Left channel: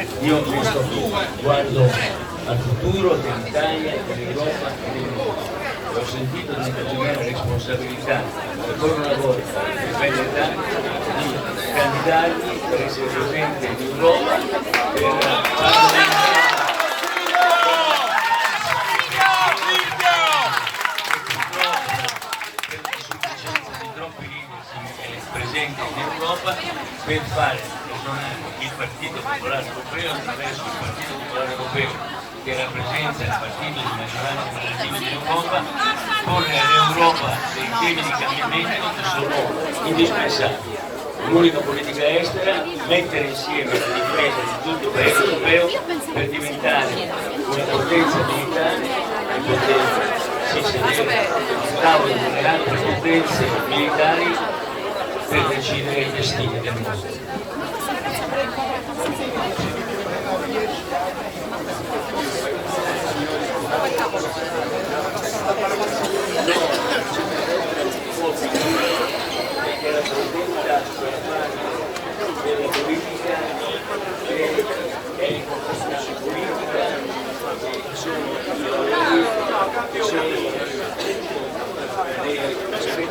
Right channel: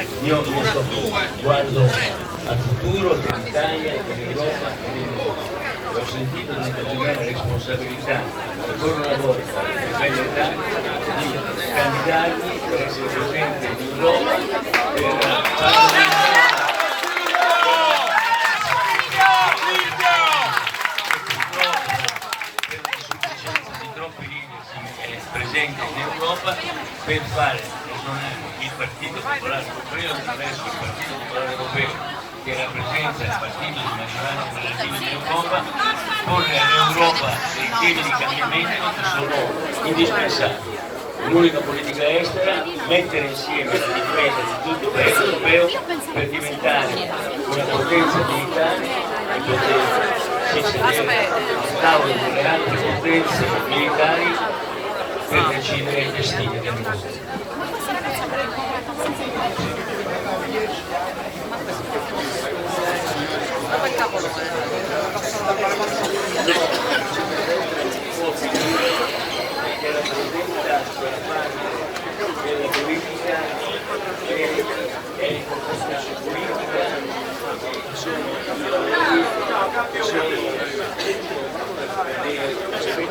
Io questo guardo al futuro dell'Italia, dell'Europa e del mondo. Ho sentito di interpretare la responsabilità, ancora una volta, di quella età, di candidarmi per essere presente in Europa per fare presente in Europa per fare il partito popolare europeo attraverso il partito popolare europeo che rappresenta il partito di maggioranza governativa in Europa, porre all'Europa dei temi di cambiamento che sono indispensabili. L'unica politica estera, mettere insieme la difesa di tutto il paese europeo per diventare una potenza militare e poter sedere al tavolo delle altre potenze militari per decidere i destini del mondo. Della politica e politica che sono